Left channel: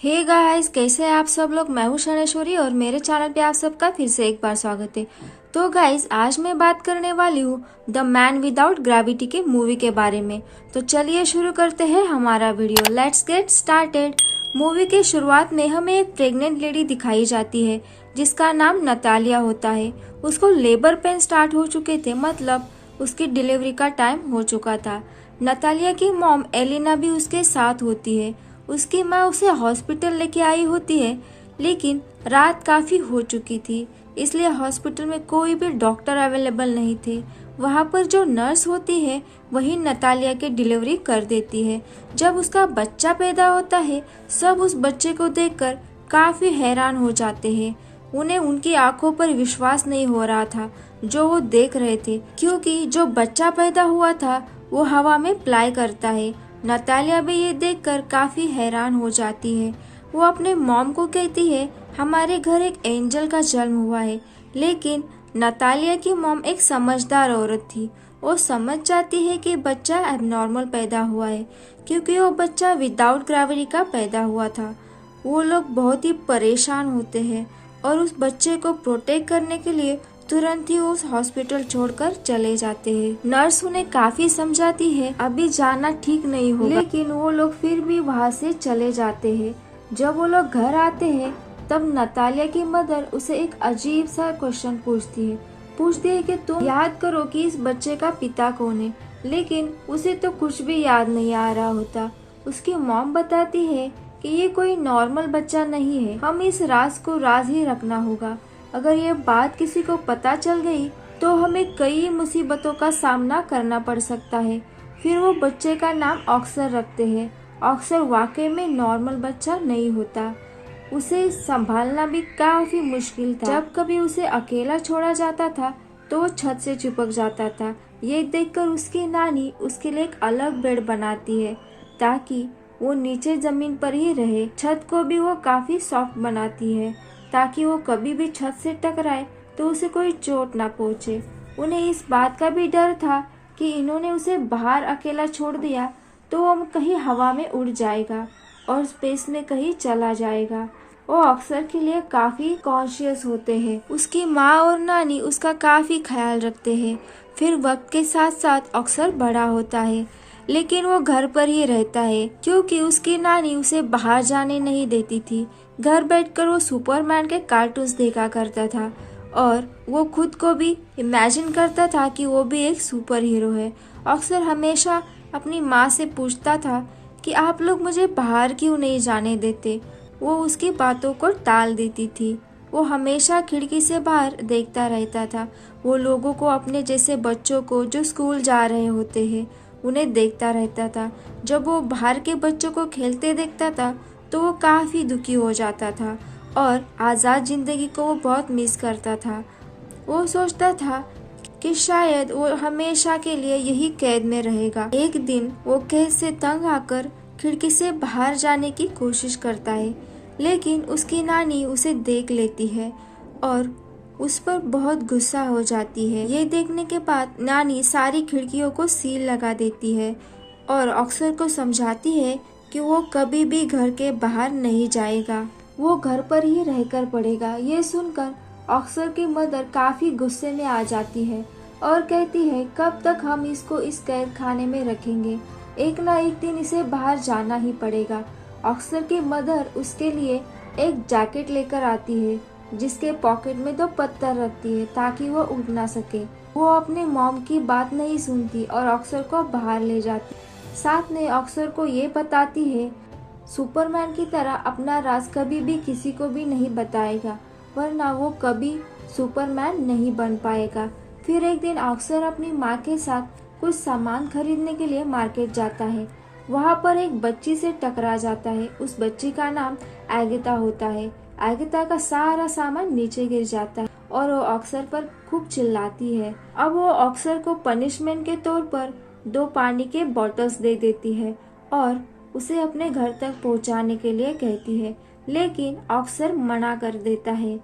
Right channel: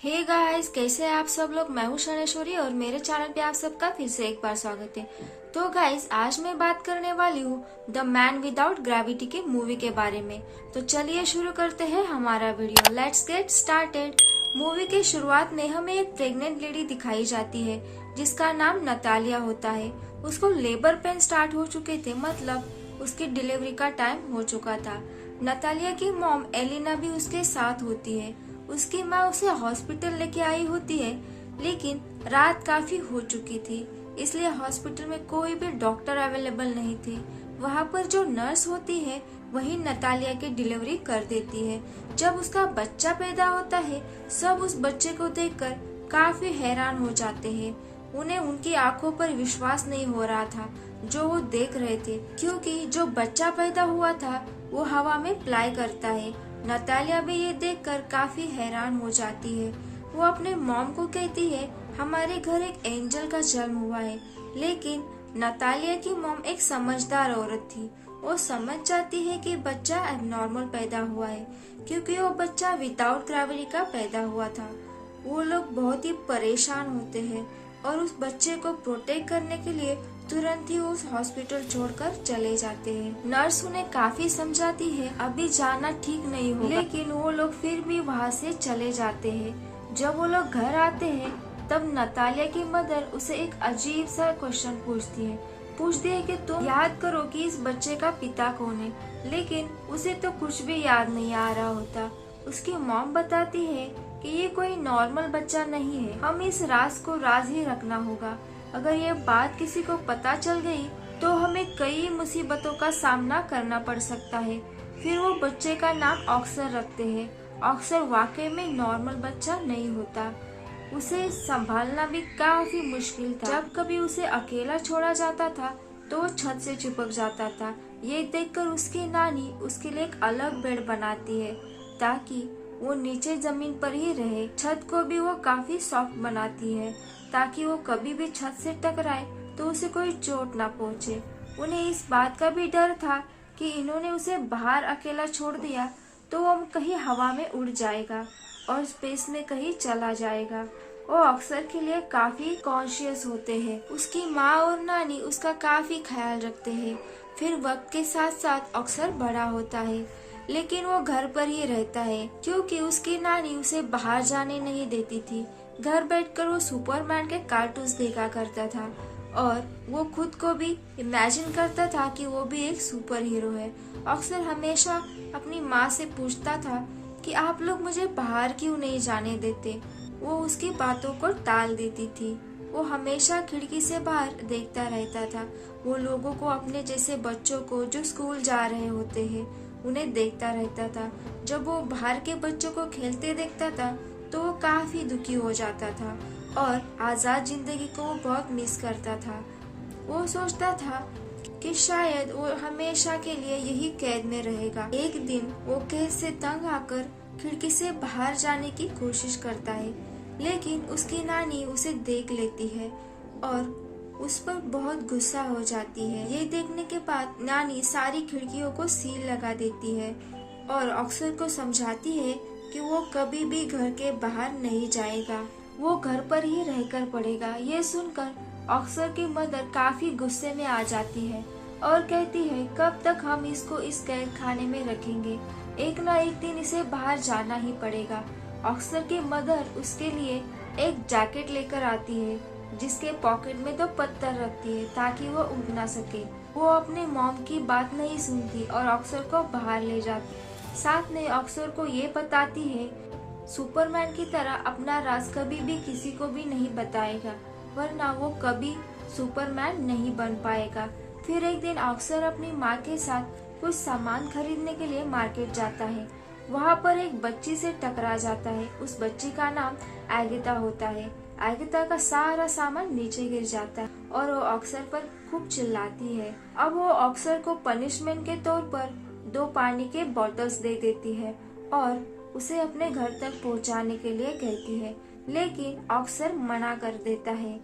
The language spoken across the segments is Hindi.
हे गाइस, कैसे हैं आप सब लोग। मैं हूं शनेश्वरी और मेरे चैनल पे आप सबका फिर से एक बार स्वागत है। तो गाइस, आज मैं बात करने वाली हूँ द मैन विदाउट ग्रेविटी के मूवी के बारे में। तो चलिए शुरू करते हैं हमारा video. Let's get started. Movie के शुरुआत में हमें एक प्रेग्नेंट लेडी दिखाई जाती है जिसका नाम नतालिया होता है। उसको लेबर पेन स्टार्ट हो चुके थे, मतलब उसकी डिलीवरी का टाइम हो चुका था। नतालिया की मॉम एलिना भी उसके साथ होती है। उसकी माँ उसे हॉस्पिटल लेके आई होती है, लेकिन रात काफी हो चुकी थी, इसलिए हॉस्पिटल में कोई भी डॉक्टर अवेलेबल नहीं थे। वहाँ पर जो नर्स होती है वही नतालिया की डिलीवरी कर देती है। जब उसका बच्चा पैदा होता है, सब उस बच्चे को देखकर काफी हैरान हो जाते हैं। उन्हें उनकी आंखों पर विश्वास नहीं हो रहा था जो वो देख रहे थे, क्योंकि जो बच्चा पैदा हुआ था वो हवा में फ्लाई करता है। नतालिया भी ये देखकर काफी हैरान हो जाती है। वो अपने मॉम को कहती है, हमारे घर एक एंजल का जन्म हुआ है। लेकिन नतालिया की मॉम एक समझदार औरत थी। वो समझ जाती है कि बच्चा एबनॉर्मल पैदा हुआ है, क्योंकि वो बच्चा विदाउट ग्रेविटी का पैदा हुआ था। वो लोग बहुत ही परेशान होते हैं और उस बच्चे को प्रोटेक्ट करने के लिए तुरंत ही उस हॉस्पिटल छोड़कर चले जाते हैं। नर्स उन्हें काफी समझाती है अभी जाना ठीक नहीं होगा, लेकिन वो लोग फिर भी वहाँ से चले जाते हैं। जब वो लोग घर आते हैं तब नतालिया की मदर उसे एक अजीब सा क्वेश्चन पूछती है कि तुम याद करो कि इस बच्चे का पिता कौन है। लेकिन उसे तो कुछ भी याद नहीं आ रहा होता। उसकी मॉम बताती है कि ये कोई नॉर्मल बच्चा नहीं है, हम इस राज को राज ही रखना होगा। अगर ये बात किसी को पता चल गई तो हमें कई मुसीबतों का सामना करना पड़ सकता है। फिर वो बच्चे का नाम ऑक्सर रखते हैं। ऑक्सर वाकई में नॉर्मल बच्चा नहीं होता। उसे संभालना भी काफी मुश्किल था। जब कभी उसे अकेला छोड़ा जाता था तो वो छत से चिपक जाता था। ये देखकर उसकी नानी उसके लिए एक अलग बेड बनाती है ताकि वो नीचे जमीन पर ही रहे। छत को भी वो काफी सॉफ्ट बनाती है ताकि वो कभी भी छत से टकराए तो उसे कोई चोट ना पहुंचे। उन्हें इस बात का भी डर था कि इन्होंने उसे बाहर अकेला छोड़ दिया तो वो कहीं हवा में उड़ जाएगा और स्पेस में कहीं चला जाएगा। वो अक्सर के लिए काफी कॉन्शियस होते हैं। उसकी माँ और नानी उसका काफी ख्याल रखते हैं। फिर वक्त के साथ साथ अक्सर बड़ा होता है, लेकिन वो घर पर ही रहता है क्योंकि उसकी नानी उसे बाहर जाने नहीं देती थी। घर बैठकर वो सुपरमैन के कार्टून्स देखा करता था और वो खुद को भी इमेजिन करता था कि वो भी एक सुपर हीरो है। अक्सर हमेशा अपनी माँ से पूछता था कि आप लोग मुझे बाहर क्यों नहीं जाने देते। वो उसकी बातों को टाल देती थी। वो हमेशा खिड़की से बाहर देखता रहता था। वो लोगों को, अपने जैसे बच्चों को जो स्कूल जा रहे होते हैं, उन्हें देखता रहता था। जब वो बाहर के बच्चों को खेलते देखता था तो वो काफी दुखी हो जाता था और आजाद जिंदगी को वो बहुत मिस करता था। वो सोचता था कि शायद वो हमेशा के लिए यही कैद में रहेगा। एक दिन वो कैद से तंग आकर खिड़की से बाहर जाने की कोशिश करता है, लेकिन उसकी नानी उसे देख लेती है और उस पर बहुत गुस्सा हो जाती है। ये देखने के बाद नानी सारी खिड़कियों को सील लगा देती है और अक्सर को समझाती है कि वो कभी भी घर के बाहर नहीं जाएगा, वो घर पर ही रहकर पड़ेगा। ये सुनकर अक्सर की मदर काफी गुस्से में आ जाती है और कहती है, कब तक हम इसको इस कैद खाने में रखेंगे, एक न एक दिन इसे बाहर जाना ही पड़ेगा। अक्सर की मदर उसके लिए एक जैकेट लेकर आती है जिसके पॉकेट में 2 पत्थर रखती है ताकि वो उड़ ना सके। वो अपने मॉम की बात नहीं सुनती और अक्सर को बाहर ले जाती। साथ में अक्सर को ये बताती है, सुपरमैन की तरह अपना राज कभी भी किसी को भी नहीं बताएगा, वरना वो कभी सुपरमैन नहीं बन पाएगा। फिर एक दिन अक्सर अपनी माँ के साथ कुछ सामान खरीदने के लिए मार्केट जाता है। वहाँ पर एक बच्ची से टकरा जाता है। उस बच्ची का नाम एगिता होता है। एगिता का सारा सामान नीचे गिर जाता है और वो अक्सर पर खूब चिल्लाती है। अब वो अक्सर को पनिशमेंट के तौर पर 2 पानी के बॉटल्स दे देती है और उसे अपने घर तक पहुंचाने के लिए कहती है, लेकिन अक्सर मना कर देता है।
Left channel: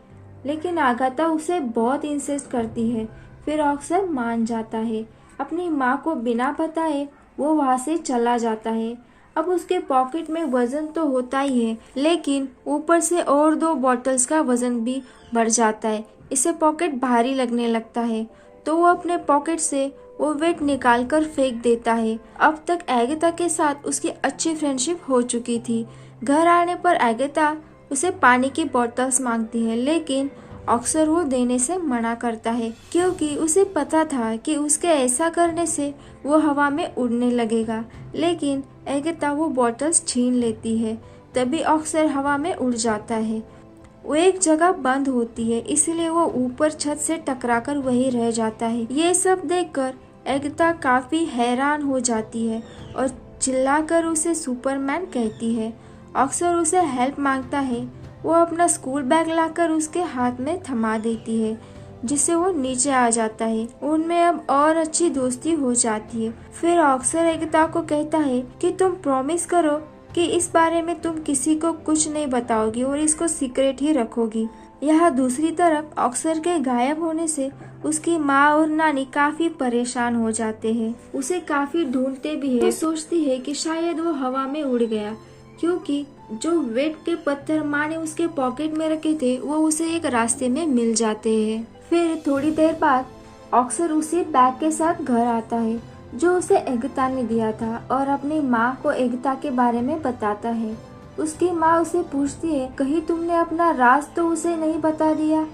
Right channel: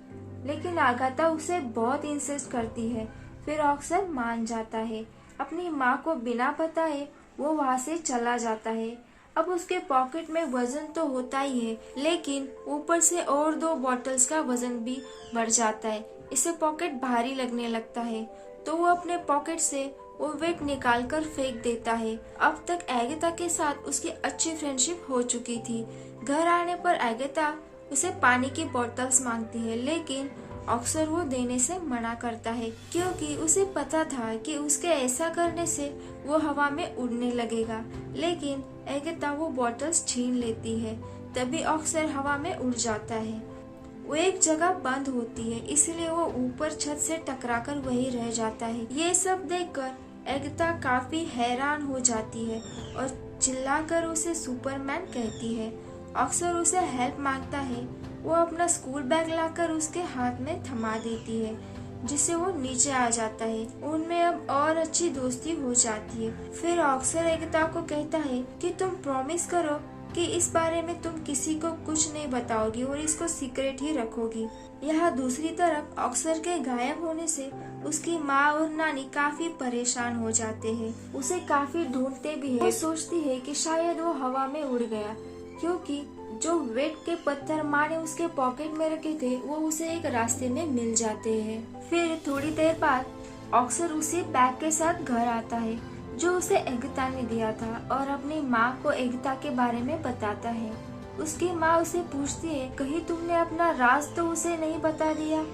लेकिन आगाता उसे बहुत इंसिस्ट करती है। फिर अक्सर मान जाता है। अपनी माँ को बिना बताए वो वहाँ से चला जाता है। अब उसके पॉकेट में वजन तो होता ही है, लेकिन ऊपर से और 2 बॉटल्स का वजन भी बढ़ जाता है। इसे पॉकेट भारी लगने लगता है, तो वो अपने पॉकेट से वो वेट निकाल कर फेंक देता है। अब तक एगाथा के साथ उसकी अच्छी फ्रेंडशिप हो चुकी थी। घर आने पर एगाथा उसे पानी की बोतल्स मांगती है, लेकिन अक्सर वो देने से मना करता है, क्योंकि उसे पता था कि उसके ऐसा करने से वो हवा में उड़ने लगेगा। लेकिन एगाथा वो बोतल्स छीन लेती है, तभी अक्सर हवा में उड़ जाता है। वो एक जगह बंद होती है, इसलिए वो ऊपर छत से टकराकर वहीं रह जाता है। ये सब देखकर एगाथा काफी हैरान हो जाती है और चिल्लाकर उसे सुपरमैन कहती है। अक्सर उसे हेल्प मांगता है। वो अपना स्कूल बैग लाकर उसके हाथ में थमा देती है, जिससे वो नीचे आ जाता है। उनमें अब और अच्छी दोस्ती हो जाती है। फिर अक्सर एगाथा को कहता है कि तुम प्रॉमिस करो कि इस बारे में तुम किसी को कुछ नहीं बताओगी और इसको सीक्रेट ही रखोगी। यहाँ दूसरी तरफ अक्सर के गायब होने से उसकी माँ और नानी काफी परेशान हो जाते हैं। उसे काफी ढूंढते भी है। वो सोचती है कि शायद वो हवा में उड़ गया, क्योंकि जो वेट के पत्थर माँ ने उसके पॉकेट में रखे थे वो उसे एक रास्ते में मिल जाते हैं। फिर थोड़ी देर बाद अक्सर उसी बैग के साथ घर आता है जो उसे एगाथा ने दिया था और अपनी माँ को एगाथा के बारे में बताता है। उसकी माँ उसे पूछती है, कहीं तुमने अपना राज तो उसे नहीं बता दिया?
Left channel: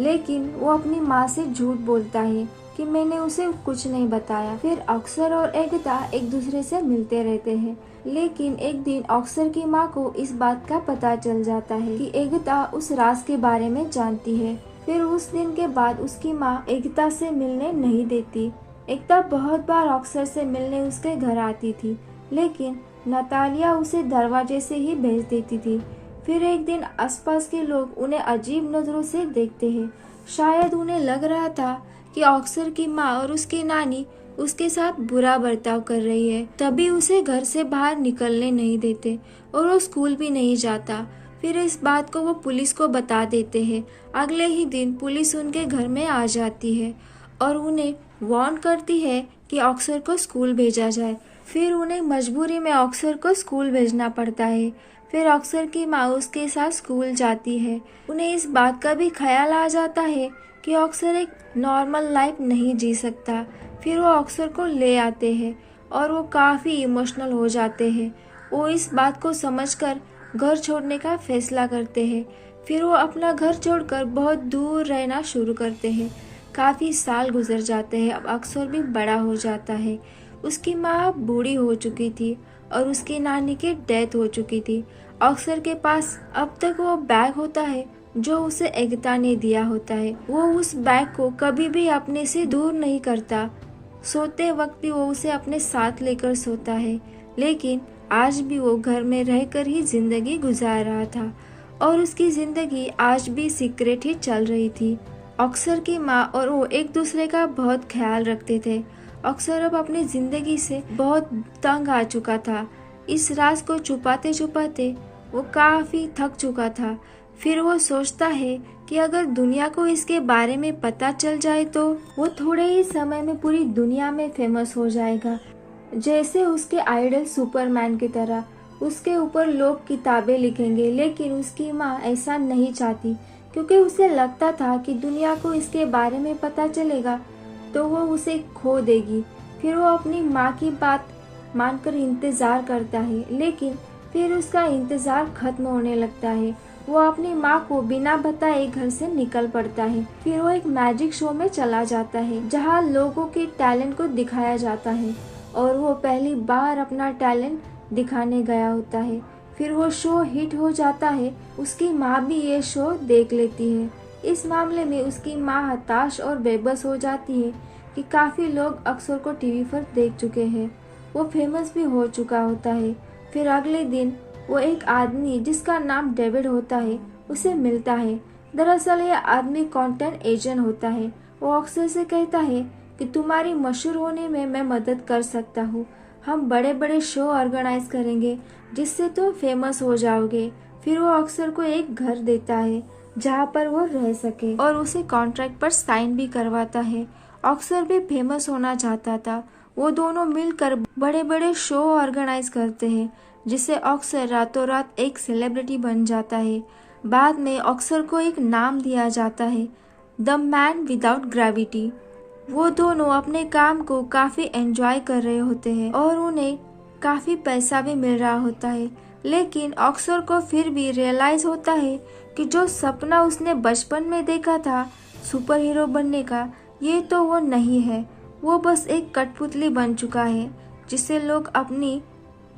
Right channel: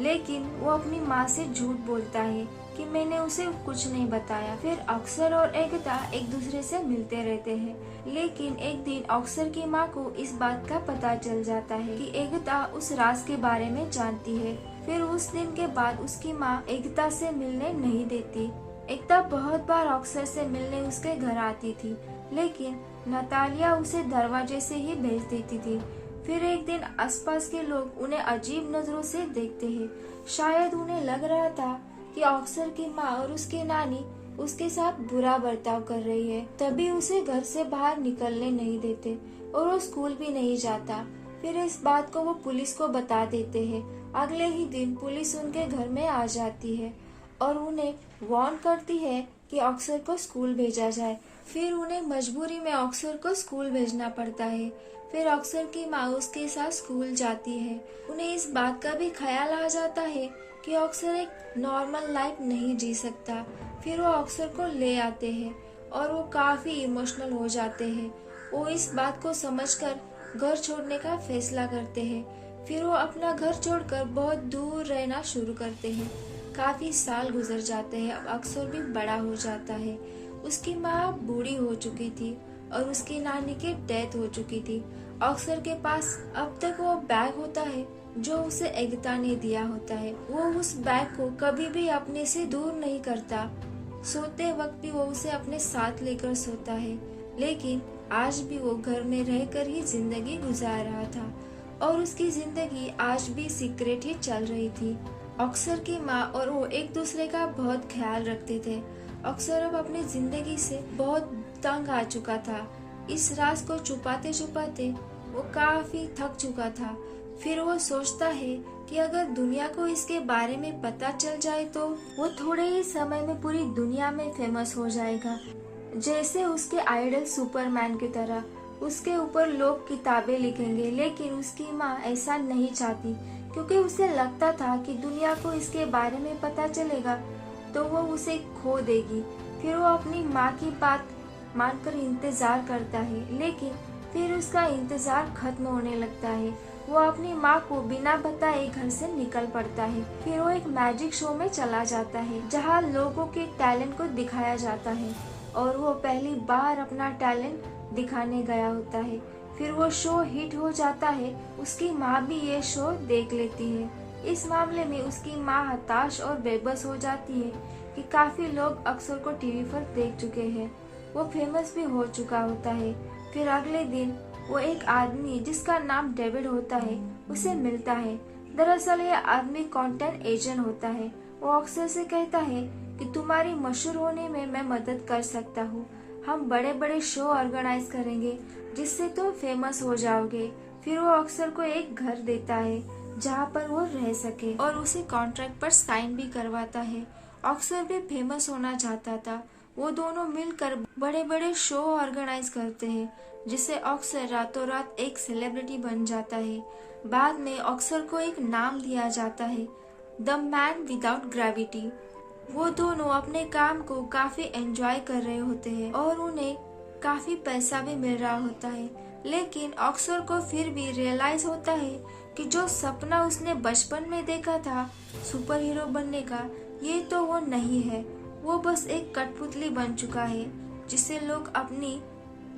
लेकिन वो अपनी माँ से झूठ बोलता है कि मैंने उसे कुछ नहीं बताया। फिर अक्सर और एगाथा एक दूसरे से मिलते रहते हैं, लेकिन एक दिन अक्सर की माँ को इस बात का पता चल जाता है कि एगाथा उस राज के बारे में जानती है। फिर उस दिन के बाद उसकी माँ एगाथा से मिलने नहीं देती। एगाथा बहुत बार अक्सर से मिलने उसके घर आती थी, लेकिन नतालिया उसे दरवाजे से ही भेज देती थी। फिर एक दिन आसपास के लोग उन्हें अजीब नजरों से देखते हैं। शायद उन्हें लग रहा था कि अक्सर की माँ और उसकी नानी उसके साथ बुरा बर्ताव कर रही है, तभी उसे घर से बाहर निकलने नहीं देते और वो स्कूल भी नहीं जाता। फिर इस बात को वो पुलिस को बता देते हैं। अगले ही दिन पुलिस उनके घर में आ जाती है और उन्हें वार्न करती है कि अक्सर को स्कूल भेजा जाए। फिर उन्हें मजबूरी में अक्सर को स्कूल भेजना पड़ता है। फिर अक्सर की माँ उसके साथ स्कूल जाती है। उन्हें इस बात का भी ख्याल आ जाता है कि अक्सर एक नॉर्मल लाइफ नहीं जी सकता। फिर वो अक्सर को ले आते हैं और वो काफी इमोशनल हो जाते हैं। वो इस बात को समझकर घर छोड़ने का फैसला करते हैं। फिर वो अपना घर छोड़कर बहुत दूर रहना शुरू करते हैं। काफी साल गुजर जाते हैं। अब अक्सर भी बड़ा हो जाता है। उसकी माँ बूढ़ी हो चुकी थी और उसकी नानी की डेथ हो चुकी थी। अक्सर के पास अब तक वो बैग होता है जो उसे एगाथा ने दिया होता है। वो उस बैग को कभी भी अपने से दूर नहीं करता। सोते वक्त भी वो उसे अपने साथ लेकर सोता है। लेकिन आज भी वो घर में रहकर ही जिंदगी गुजार रहा था और उसकी जिंदगी आज भी सीक्रेट ही चल रही थी। अक्सर की माँ और वो एक दूसरे का बहुत ख्याल रखते थे। अक्सर अब अपनी जिंदगी से बहुत तंग आ चुका था। इस राज को छुपाते छुपाते वो काफी थक चुका था। फिर वो सोचता है कि अगर दुनिया को इसके बारे में पता चल जाए तो वो थोड़े ही समय में पूरी दुनिया में फेमस हो जाएगा, जैसे उसके आइडल सुपरमैन की तरह। उसके ऊपर लोग किताबें लिखेंगे। लेकिन उसकी माँ ऐसा नहीं चाहती, क्योंकि उसे लगता था कि दुनिया को इसके बारे में पता चलेगा तो वो उसे खो देगी। फिर वो अपनी माँ की बात मानकर इंतजार करता है, लेकिन फिर उसका इंतजार खत्म होने लगता है। वो अपनी माँ को बिना बताए घर से निकल पड़ता है। फिर वो एक मैजिक शो में चला जाता है, जहाँ लोगों के टैलेंट को दिखाया जाता है और वो पहली बार अपना टैलेंट दिखाने गया होता है। फिर वो शो हिट हो जाता है। उसकी माँ भी ये शो देख लेती है। इस मामले में उसकी माँ हताश और बेबस हो जाती है कि काफी लोग अक्सर को टीवी पर देख चुके हैं। वो फेमस भी हो चुका होता है। फिर अगले दिन वो एक आदमी जिसका नाम डेविड होता है उसे मिलता है। दरअसल ये आदमी कंटेंट एजेंट होता है। वो अक्सर से कहता है कि तुम्हारी मशहूर होने में मैं मदद कर सकता हूँ। हम बड़े बड़े शो ऑर्गेनाइज करेंगे जिससे तुम फेमस हो जाओगे। फिर वो अक्सर को एक घर देता है जहाँ पर वो रह सके और उसे कॉन्ट्रैक्ट पर साइन भी करवाता है। अक्सर भी फेमस होना चाहता था। वो दोनों मिलकर बड़े बड़े शो ऑर्गेनाइज करते हैं, जिससे ऑस्कर रातों रात एक सेलिब्रिटी बन जाता है। बाद में ऑस्कर को एक नाम दिया जाता है, द मैन विदाउट ग्रेविटी। वो दोनों अपने काम को काफी एंजॉय कर रहे होते हैं और उन्हें काफी पैसा भी मिल रहा होता है। लेकिन ऑस्कर को फिर भी रियलाइज होता है कि जो सपना उसने बचपन में देखा था सुपर हीरो बनने का, ये तो वो नहीं है। वो बस एक कठपुतली बन चुका है जिसे लोग अपनी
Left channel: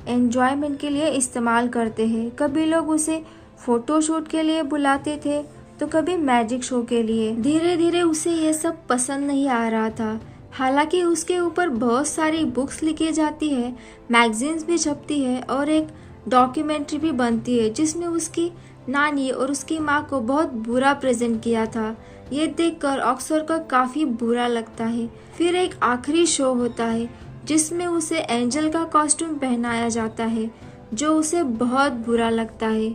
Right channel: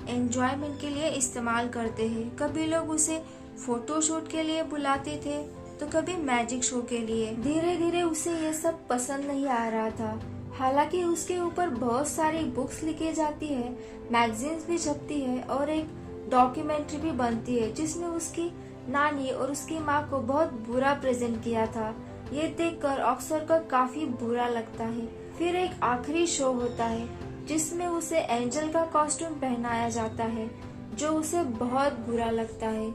एंजॉयमेंट के लिए इस्तेमाल करते हैं। कभी लोग उसे फोटोशूट के लिए बुलाते थे तो कभी मैजिक शो के लिए। धीरे धीरे उसे ये सब पसंद नहीं आ रहा था। हालांकि उसके ऊपर बहुत सारी बुक्स लिखी जाती है, मैगजीन्स भी छपती है और एक डॉक्यूमेंट्री भी बनती है जिसमें उसकी नानी और उसकी माँ को बहुत बुरा प्रेजेंट किया था। ये देखकर ऑस्कर को काफी बुरा लगता है। फिर एक आखिरी शो होता है जिसमें उसे एंजल का कॉस्ट्यूम पहनाया जाता है, जो उसे बहुत बुरा लगता है।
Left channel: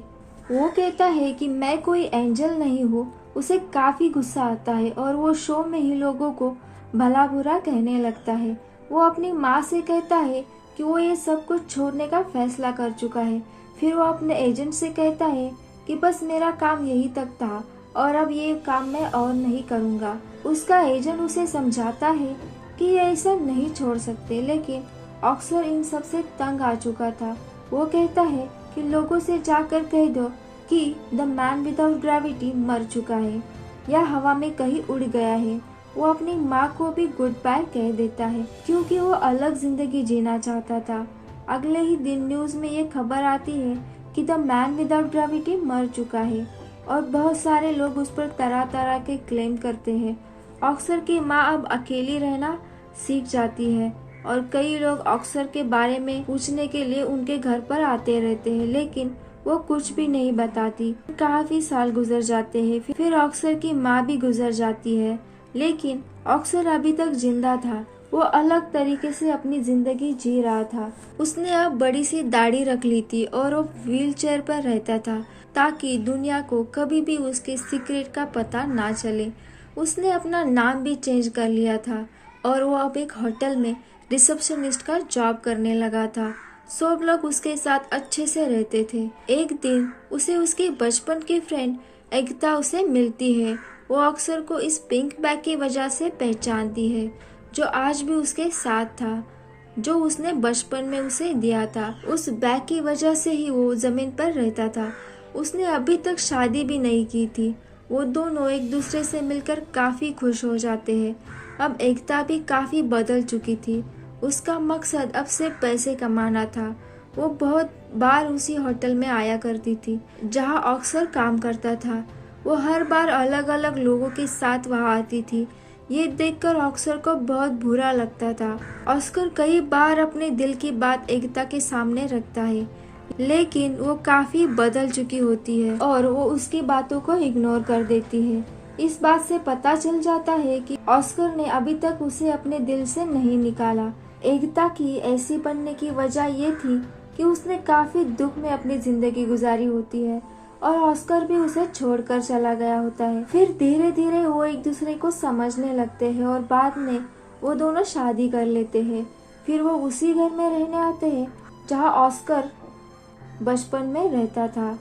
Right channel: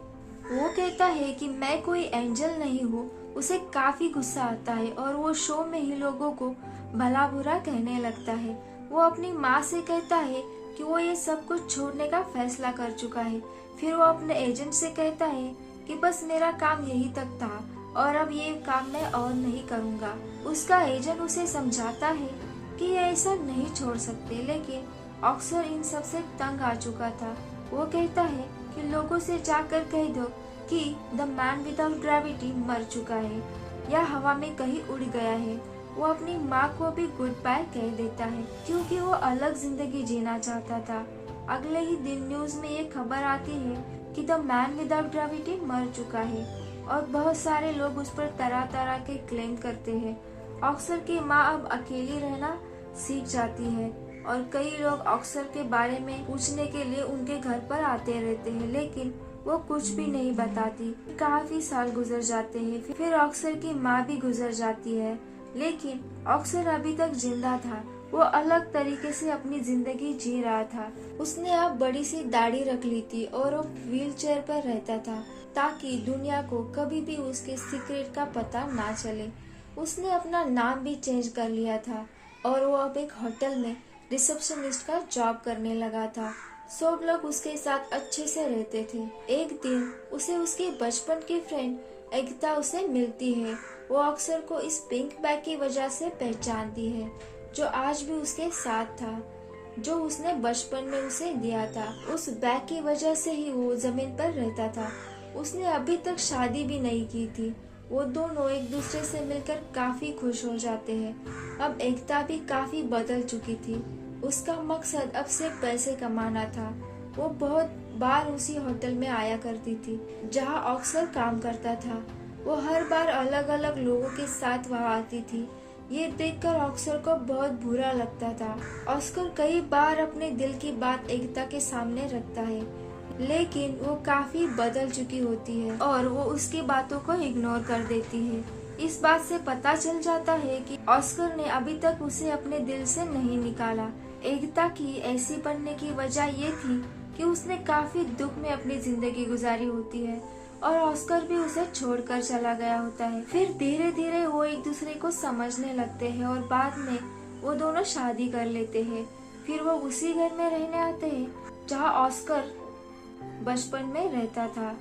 वो कहता है कि मैं कोई एंजल नहीं हूँ। उसे काफी गुस्सा आता है और वो शो में ही लोगों को भला बुरा कहने लगता है। वो अपनी माँ से कहता है कि वो ये सब कुछ छोड़ने का फैसला कर चुका है। फिर वो अपने एजेंट से कहता है कि बस मेरा काम यही तक था और अब ये काम मैं और नहीं करूँगा। उसका एजेंट उसे समझाता है कि ये ऐसा नहीं छोड़ सकते, लेकिन ऑस्कर इन सब से तंग आ चुका था। वो कहता है कि लोगों से जाकर कह दो कि द मैन विदाउट ग्रेविटी मर चुका है या हवा में कहीं उड़ गया है। वो अपनी माँ को भी गुड बाय कह देता है क्योंकि वो अलग जिंदगी जीना चाहता था। अगले ही दिन न्यूज में ये खबर आती है कि द मैन विदाउट ग्रेविटी मर चुका है और बहुत सारे लोग उस पर तरह तरह के क्लेम करते हैं। ऑस्कर की माँ अब अकेली रहना सीख जाती है और कई लोग ऑस्कर के बारे में पूछने के लिए उनके घर पर आते रहते हैं, लेकिन वो कुछ भी नहीं बताती। काफी साल गुजर जाते हैं। फिर ऑस्कर की माँ भी गुजर जाती है, लेकिन ऑस्कर अभी तक जिंदा था। वो अलग तरीके से अपनी जिंदगी जी रहा था। उसने अब बड़ी सी दाढ़ी रख ली थी और वो व्हील चेयर पर रहता था ताकि दुनिया को कभी भी उसके सीक्रेट का पता ना चले। उसने अपना नाम भी चेंज कर लिया था और वो अब एक होटल में रिसेप्शनिस्ट का जॉब करने लगा था। सब लोग उसके साथ अच्छे से रहते थे। एक दिन उसे उसके बचपन की फ्रेंड एकता उसे मिलती है। वो ऑस्कर को इस पिंक बैग की वजह से पहचानती है जो आज भी उसके साथ था, जो उसने बचपन में उसे दिया था। उस बैग की वजह से ही वो जमीन पर रहता था। उसने अभी तक शादी भी नहीं की थी। वो दोनों एक दूसरे से मिलकर काफी खुश हो जाते हैं। अब एकता भी काफी बदल चुकी थी। उसका मकसद अब सिर्फ पैसे कमाना था। वो बहुत बार उसी होटल में आया करती थी जहां ऑस्कर काम करता था। वो हर बार अलग अलग लोगों के साथ वहां आती थी। ये देखकर ऑस्कर को बहुत बुरा लगता था। ऑस्कर कई बार अपने दिल की बात एकता के सामने रखता है, लेकिन वो काफी बदल चुकी होती है और वो उसकी बातों को इग्नोर कर देती है। इस बात से पता चल जाता है कि ऑस्कर ने अभी तक उसे अपने दिल से नहीं निकाला। एकता की ऐसी बनने की वजह ये थी कि उसने काफी दुख में अपनी जिंदगी गुजारी होती है और ऑस्कर भी उसे छोड़कर चला गया होता है। फिर धीरे धीरे वो एक दूसरे को समझने लगते हैं और बाद में वो दोनों शादी कर लेते हैं। फिर वो उसी घर में रहने आते हैं जहाँ ऑस्कर बचपन में रहता था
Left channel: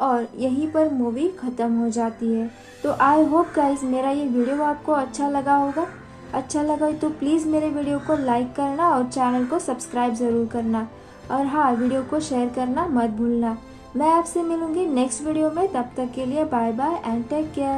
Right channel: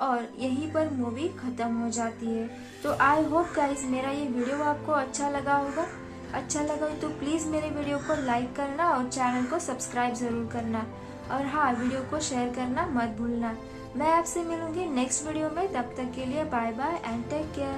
और यहीं पर मूवी खत्म हो जाती है। तो आई होप गाइस मेरा ये वीडियो आपको अच्छा लगा होगा। अच्छा लगा तो प्लीज मेरे वीडियो को लाइक करना और चैनल को सब्सक्राइब जरूर करना और हाँ, वीडियो को शेयर करना मत भूलना। मैं आपसे मिलूंगी नेक्स्ट वीडियो में। तब तक के लिए bye bye and take care.